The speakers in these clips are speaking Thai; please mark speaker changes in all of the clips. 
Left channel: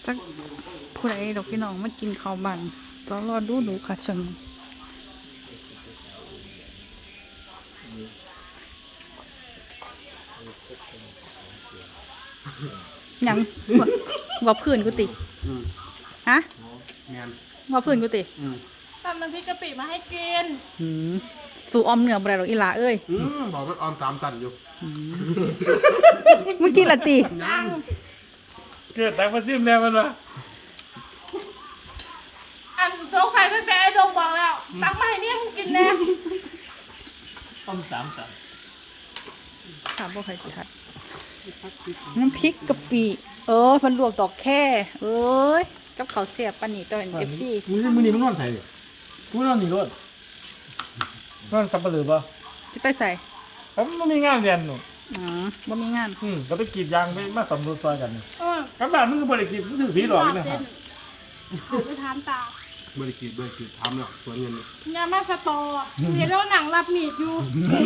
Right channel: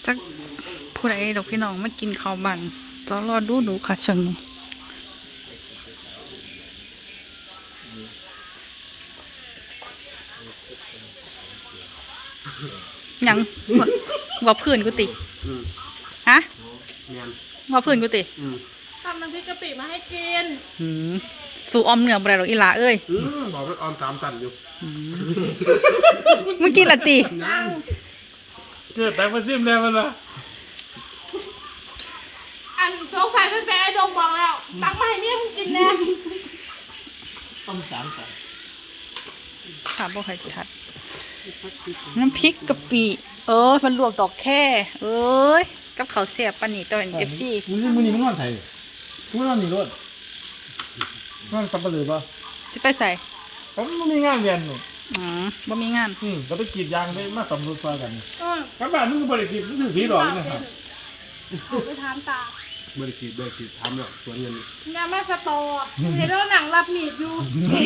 Speaker 1: จักผู้ใดดอกพี่น้องมากินข้าวบันต้องรอดูค่ะเชิงยังว่าพื้นกูติฮะว่าพื้นกูติ
Speaker 2: ตอนมันพี่กะปิมาให้กิน
Speaker 1: สู่ออมเหนือบ่ได้หรอกอีหลาเอ้ย
Speaker 3: บอกว่าออม3 ตันอยู่
Speaker 1: มึงกินละติ
Speaker 3: เกิดแต่มาซิมแล้วมันวะ
Speaker 2: อันโจ๊กใส่ตั้งแต่ไอ้ดงบอกแล้วตักมาให้เนี่ยมึงกินแน่
Speaker 3: ออม3 ตัน
Speaker 1: ถามบ่ใครทัดน้ำพริกกะปิมันลวกดอกแค่เอ้ยกับข้าวเสียบปานนี้ตอน FC
Speaker 3: มึงนี่มันนอนไทยมึงนอนนี่รถนอนสับปะรดป่ะ
Speaker 1: สิไปใส่
Speaker 3: มันมีงานเรียนหนู
Speaker 1: บ่มีงาน
Speaker 3: เราไปกรีดยางไปมาสำรวจซอยกันครับบ้านมึงก็บริกรีดมึงถือผีหลอกนี่นะครับ
Speaker 2: ไปทานตา
Speaker 3: บริกรีดทำหรอกสวนเงิน
Speaker 2: ยามาสตอเห็นแล้วหนังรับหนีบอยู่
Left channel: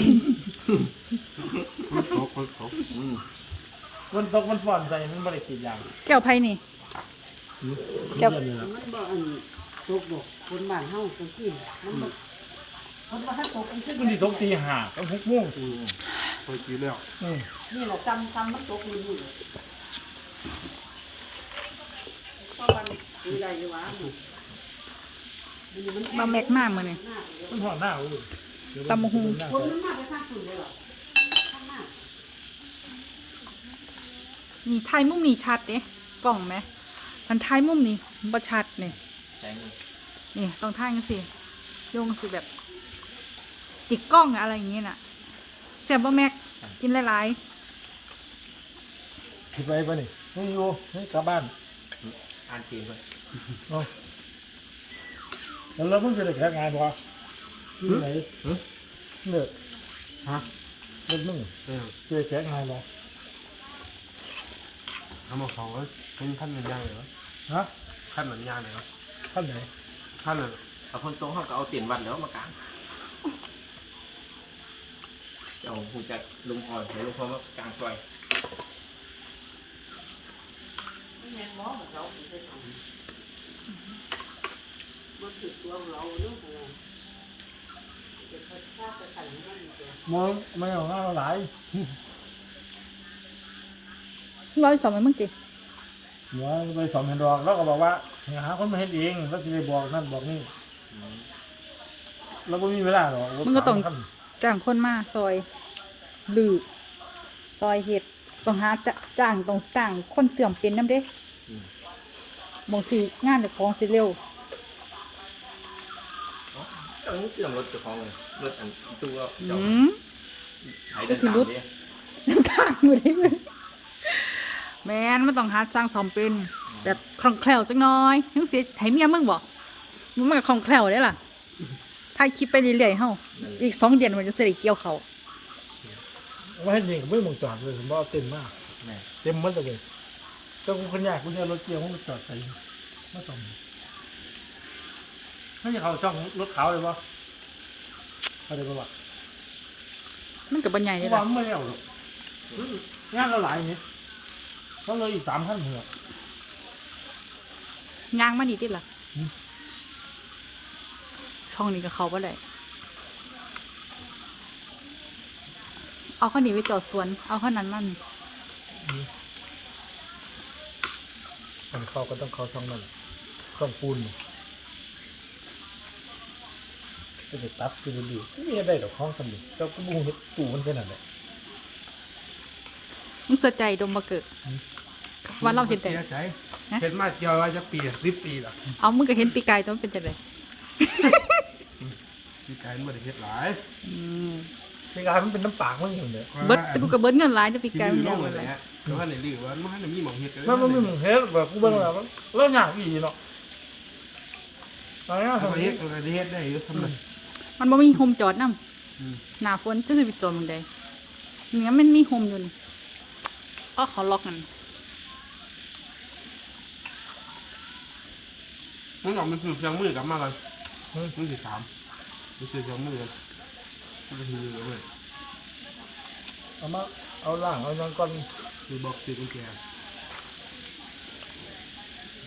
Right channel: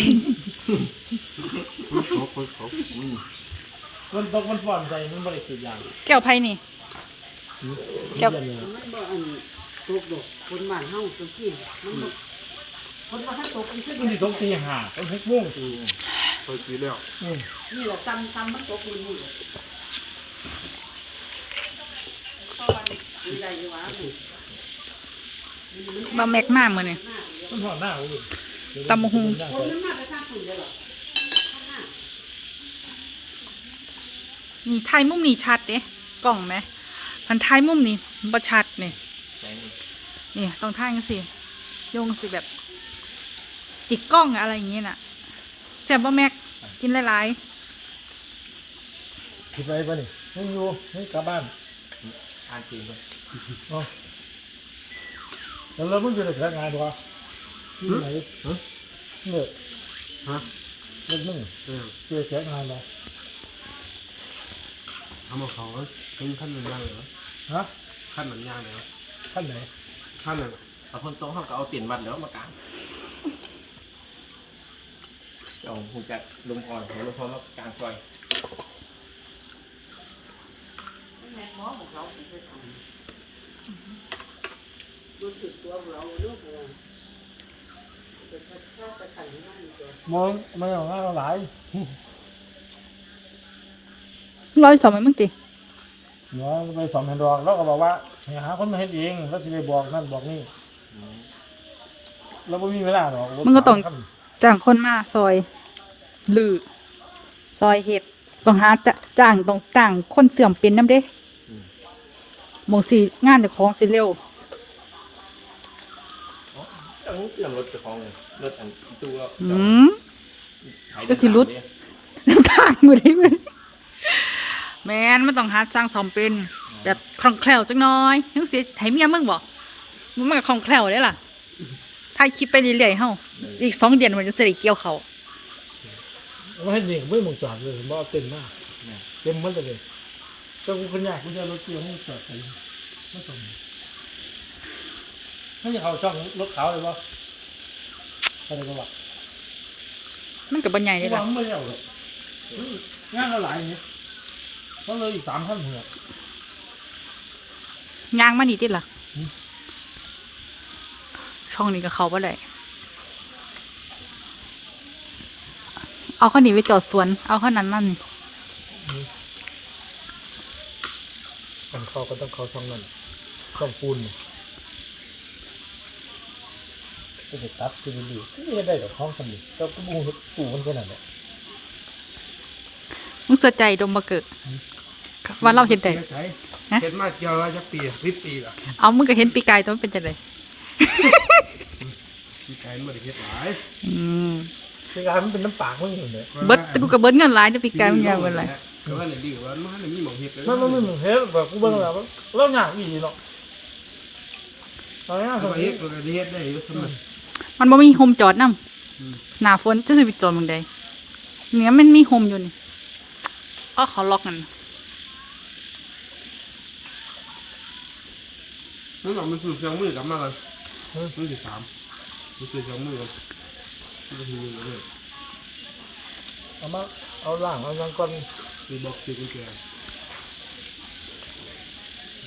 Speaker 3: คนตกมันฝ่อนใจมันบริกรีดยาง
Speaker 1: แก้วไผ่นี่
Speaker 3: แก้ว
Speaker 4: ตกดอกคนบ้านเฮาจังซี่มันคนว่าถ้าตกมันขึ้น
Speaker 3: มันสิตกตี 5ต้อง6 โมงเคยกินแล้ว
Speaker 4: นี่แหละจำมันตกมีมือ
Speaker 1: บ่แม็กมากมื้อนี้
Speaker 3: มันหอดหน้า
Speaker 1: ตำบักหุ่งนี่ถ่ายมุมนี้ชัดเด้กล้องไหมมันถ่ายมุมนี้บ่ชัดนี่นี่ต้องถ่ายจังซี่โยงสิแบบจิกกล้องอะไรอย่างเงี้ยน่ะแซ่บบ่แม็กกินหลาย
Speaker 3: ๆคิดไปป่ะนี่ไม่อยู่ให้กลับบ้านอ่านเกมไปแล้วมึงจะได้แพ้งานวะที่ไหนเนี่ยฮะเล่นมึงจะได้แพ้งานวะทำเอาเขาเป็นขั้นหนึ่งย่างเลยฮะขั้นหนึ่งย่างเลยขั้นไหนขั้นหนึ่ง
Speaker 5: แต่คนโตเขาก็เอาเตียนวัดแล้วมากางเอาหูจักลมอ่อนหัวลมพอมากางซอย
Speaker 3: มองไม่เอาง่ายหลาย
Speaker 1: 100 2มั้ยมึงติ
Speaker 3: เดี๋ยวไปสอนแผ่นดอกแล้วก็บอกว่าหาคนมาเห็นเองแล้วสิไปบอกนั่นบอกนี่เราไม่มีเวลาหรอก
Speaker 1: มึงก็ต้องจ้างคนมาซอยลือซอยเห็ดต้องหาจ้างต้องจ้างคนเสื่อมเป็นน้ำเด้หมองสีงานแต่ของสิเร็ว
Speaker 5: เสื่อมรถของรถอันตัว
Speaker 1: ก็สิรุดทางมือได้ไหมแม่นมันต้องหาจ้างซ่อมเป็นแบบคล่องแคล่วจังน้อยยังเสียให้เมียมึงบอกมันก็คล่องแคล่วได้ล่ะถ่ายคลิปไปเรื่อยๆเฮาอีก2 เดือนมันจะได้เกี่ยวเขา
Speaker 3: ไม่ให้ยิงไม่มองจอดเลยผมว่าเต็มมากเต็มมันเลยเจ้ากูขยันกูจะรถเกี่ยวห้องจอดใส่มาส่งไม่ใช่เขาช่องรถเขาเลยวะอะไรก็ว่า
Speaker 1: มันกับบรรยายได้หรอ
Speaker 3: ไม่เอาหรอกงานเราหลายอย่างนี้ต้องเลยอีก3 ขั้นหัว
Speaker 1: ย่างมานี่ติล่ะช่องนี้ก็เขาบ่ได้เอาข้าวหนีไปจอดสวนเอาข้าวนั้นนั่น
Speaker 3: ต้องเขาก็ต้องเขาช่องนั้นช่องปูนจะไปตัดจะไปดูนี่ได้กับห้องสมิธเราก็บูปูมันขนาดไหน
Speaker 1: มึงเสียใจดมมาเกิดว่าเราเห็นแต่
Speaker 3: เห็นมาเจอจะปี10 ปีแล้ว
Speaker 1: เอามึงก็เห็นปีกายตัวมันเป็นจังได
Speaker 3: ปีกายมันได้เห็ดหลายปีกายมันเป็นน้ำปากมันเห็นเลย
Speaker 1: เบิดกูกับเบิดเงินหลายนะปีกายมันยาวเป็นไร
Speaker 3: ก็ว่าไหนดีว่ามันมีหมองเห็ดมันมีหมองเห็ดแบบกูเบิ่งแล้วแล้วหนักอีเนาะอะไรเห็ดก็ได้เห็ดได้อยู่ทำไม
Speaker 1: มันบ่มีโฮมจอดนำหน้าฝนจะสิไปจอดมึงใดเนี่ยมันมีโฮมอยู่นี่เขาล็อกกัน
Speaker 3: มันออกมันสูบเสียงมือกลับมาเลยมันสิ3มันสูบเสียงมือมันจะทีนึงเลยเอามาเอาล่างเอายังก้อนสีบอกสีกุญแจ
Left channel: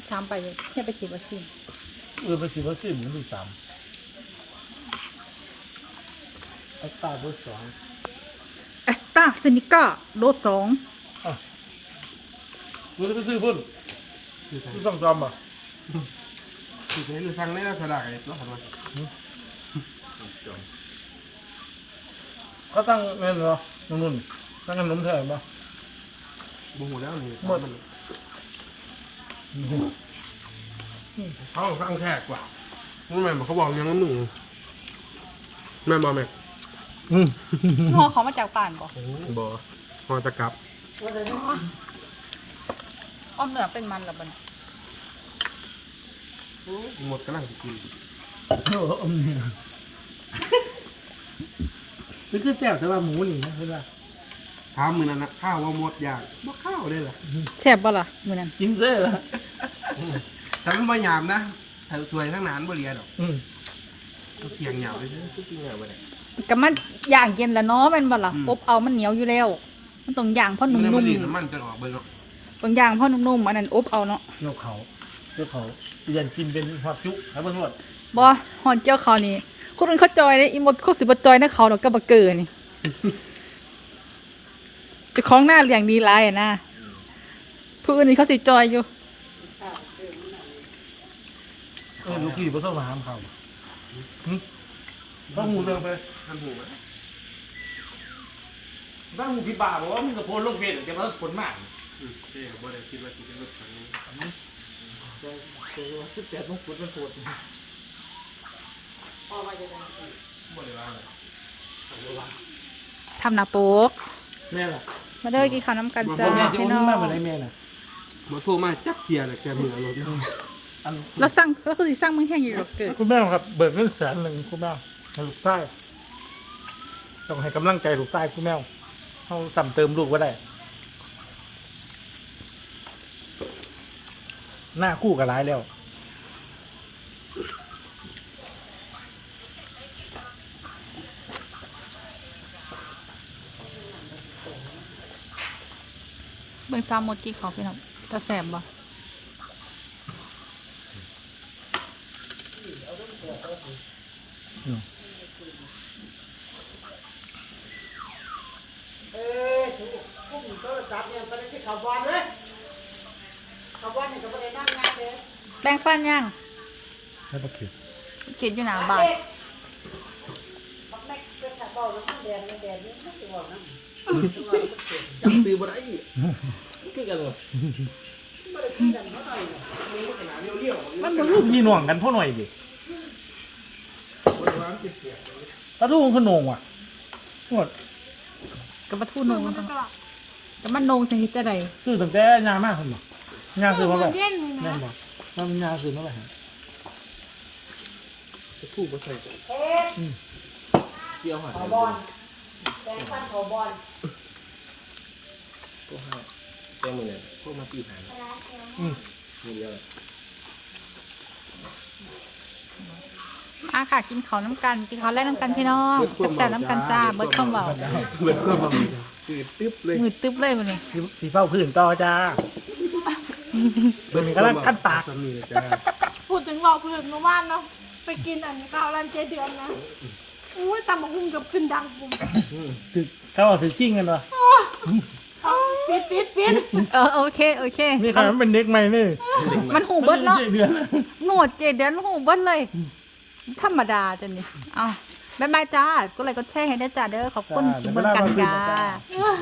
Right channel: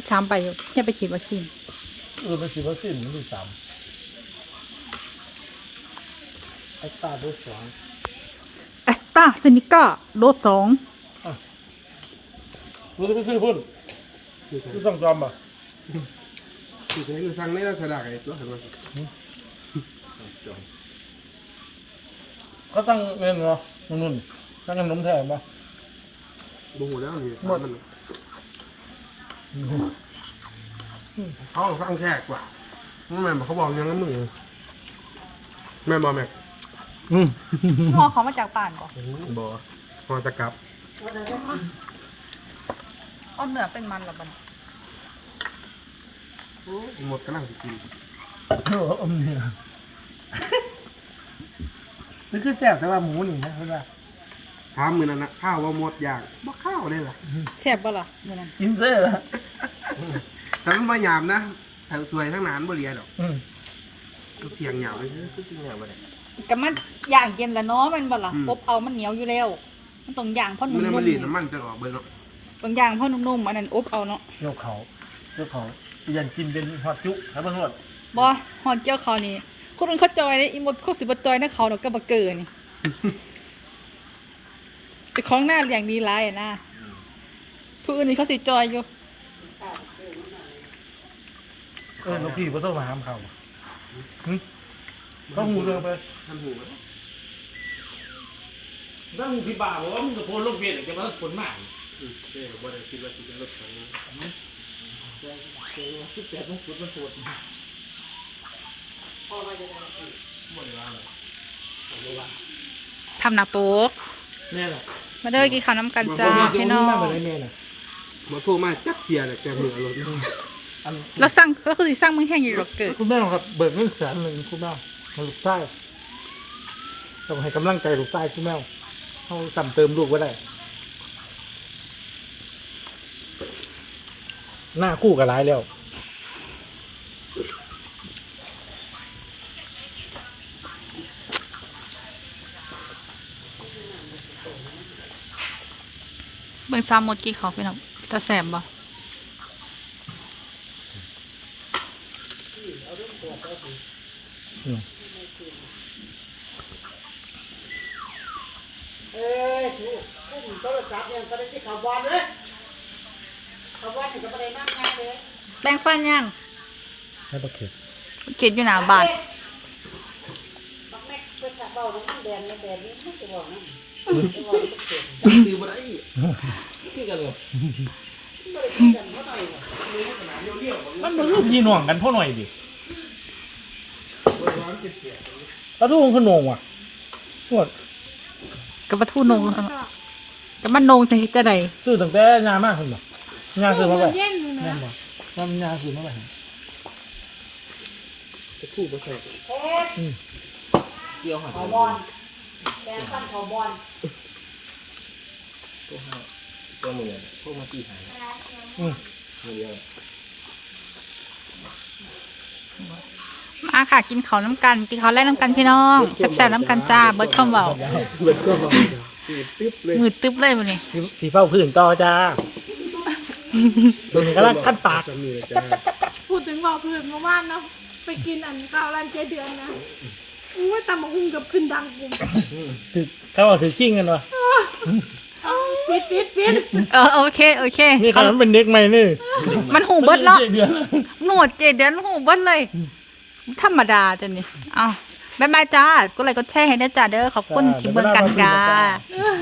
Speaker 1: 13ไปอยู่อย่าไปฉีดวัคซีน
Speaker 6: ไปฉีดวัคซีนมันที่3ไอ้ตาเบอร์2
Speaker 1: แอสตราเซเนกาโดส2
Speaker 6: มันจะไปซื้อพุ่นซื้อสั่งจอมป่ะ
Speaker 3: คือเคยฟังในลักษณะไอ้ตัวหันมา
Speaker 6: เขาตั้งเงินเหรอนุ่นตั้งขนมแทนป่ะ
Speaker 3: โมโหแล้วนี่มันเขาฟังแค่กว่าไม่แม่เขาบอกยังงั้นมึงแม่บอกแม่
Speaker 1: พ่อเขามาจากป่านบ่
Speaker 3: บอกพอตะกับ
Speaker 1: อ้อมเนื้อเป็นมันหรอบัด
Speaker 3: หมดกำลังกิน
Speaker 6: นี่คือแซ่บแต่ว่าหมูนี่นะคือว่า
Speaker 3: ถามมือนั่นนะข้าวว่าหมดอย่างบ่ข้าวได้ล่ะ
Speaker 1: แซ่บบ่ล่ะมื้อนั้น
Speaker 6: กินเซ่ละ
Speaker 3: แต่มันบ่หยามนะทั้งถวยทั้งนานบ่เรียดอกเสียงหยาบเลย
Speaker 5: คือจริงเหรอวะเนี่ย
Speaker 1: ก็มันย่างเย็นแล้วเนาะแม่นบ่ล่ะอบเอามันเหนียวอยู่แล้ว มันต้องย่างเพราะ
Speaker 3: มัน
Speaker 1: นุ่
Speaker 3: ได้มาม ลีน
Speaker 1: ๆ
Speaker 3: น้ำมันจะออกเบิ่งเนาะ
Speaker 1: ต้องย่างเพราะนุ่มๆอันนั้นอบเอาเนาะ
Speaker 6: เจ้าเขายันกินเป็นฮอดจุครับเพื่อน
Speaker 1: บ่ฮอนเจียวเขานี่คนอื่นเขาจอยเลยอีหมดเขาสิบ่จอยนะเขาดอกก็บ่เกินนี่เจ้าของหน้าอย่างดีหลายอะนะผู้อื่นนี่เขาสิจอยอยู่
Speaker 6: ลูกพี่ก็ต้องมาห้ามเขาต้องหูเรือไป
Speaker 3: ท่านหูไหม
Speaker 6: ต้องหูพี่บ่าบอกว่ามึงกับโพลลงเวทจะมาผลมาก
Speaker 3: เอ๊ะบ่ได้คิดว่าสิเป็นรถคันนี้
Speaker 6: 18ต้องขุดมันโคตร
Speaker 1: ทำหน้าโป๊ก
Speaker 6: แม่ล่ะ
Speaker 1: มาเด้อกินข้าวน้ำกันจ้าพี่น้อง
Speaker 6: มาได้แม่น่ะ
Speaker 3: มาโทรมาจักเทียเลยแกมือรถ
Speaker 1: แล้วสั่งก็คือสิสั่งมึงแห้งอยู่ดอกเกิด
Speaker 6: คุณแม่ครับเบิกเงิน100,000คุณแม่ให้ลูกใต้ต้องให้กำลังใจลูกใต้คุณแม่เขาสั่มเติมลูกไว้ได้หน้าคู่กับร้ายแล้ว
Speaker 1: เบิ่งซ้ำหมดกี่เขาพี่น้องตาแสบบ่
Speaker 4: เอ้ยถูกพุ่มโทรศัพท์เนี่ยไปได้ที่เขาบอลเลยเขาบอลนี่ก็ไม่ได้นั่งงานเลย
Speaker 1: แป้งฟันยัง
Speaker 6: ให้ประเข็ด
Speaker 1: เก็บอยู่หน้าบ้าน
Speaker 4: บักแม็กเป็นขับเบาลงแดนแดนนี้ไม่สิบอกนะ
Speaker 5: ซื้อบ่ได้คือกันเลย
Speaker 4: ไม่ได้คุยกันเท่าไหร่หรอก
Speaker 6: มันเป็นรูปยีหน่วงกันพ่อหน่อยดิตาดูของคนโหนงว่ะหมด
Speaker 1: กับปลาทูนงกับมันนงจะเฮ็ดจะได
Speaker 6: ซื้อตั้งแต่ยามากคุณบ่ยาซื้อมาไว้
Speaker 2: เย็นนี่
Speaker 6: นั่
Speaker 2: นะ
Speaker 6: นบ่น้ำยาซื้อมาไว้
Speaker 3: จะพูดบ่ใช่
Speaker 4: เฮ้ย
Speaker 5: เกี่ยวหา
Speaker 4: เขาบอลแดนปั้นเขาบอล
Speaker 5: พวกเขาแก้มือพวกมาตีหายมือเดียว
Speaker 1: มาค่ะกินข้าวน้ำกันกินข้าวแรกน้ำกันพี่น้องแซ่บๆน้ำกันจ้าเบิดคำเบา
Speaker 3: เบิดก็บ่คือตึ๊บเลย
Speaker 1: มือตึ๊บเลยวันนี้
Speaker 6: สีเฝ้าพื้นต่อจ้าเป็นกำลังขั้นปาก
Speaker 3: สามีเลยจ้า
Speaker 2: พูดถึงบอกเพื่อนเมื่อวานเนาะไปกินอันข้าวร้านเจ๊เดือนนะอุ้ยตำบักหุ่งกับขึ้นดังปุ่ม
Speaker 6: ถือเขาบอกถือกิ้งกันวะ
Speaker 2: ปิด
Speaker 1: โอเค
Speaker 6: นี่เขาเป็นเด็กใหม่นี่
Speaker 1: มันหูเบิดเนาะ
Speaker 6: เดือน
Speaker 1: หนวดเจเดือนหูเบิดเลย ธรรมดาจ้ะนี่เอาบ๊ายบายจ้ากดไลค์กดแชร์ให้ได้จ้าเด้อขอบคุณที่เบิ่งกันจ้า